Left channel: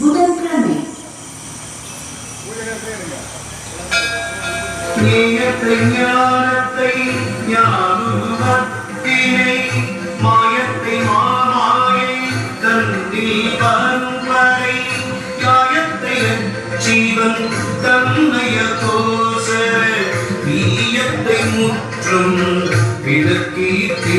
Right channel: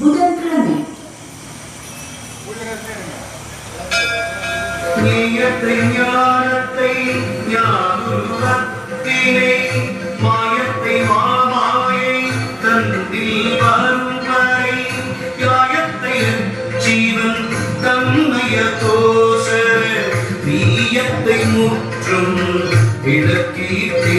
புதன்கிழமை நீயத்தை ஞானத்தை ஞானத்தினை மாயத்தை மாமாயை தந்தில் பரம்பரை யாயத்தை ஜீவன் தன்மய கோசர நீயத்தை முற்றும் விளக்கீட்டே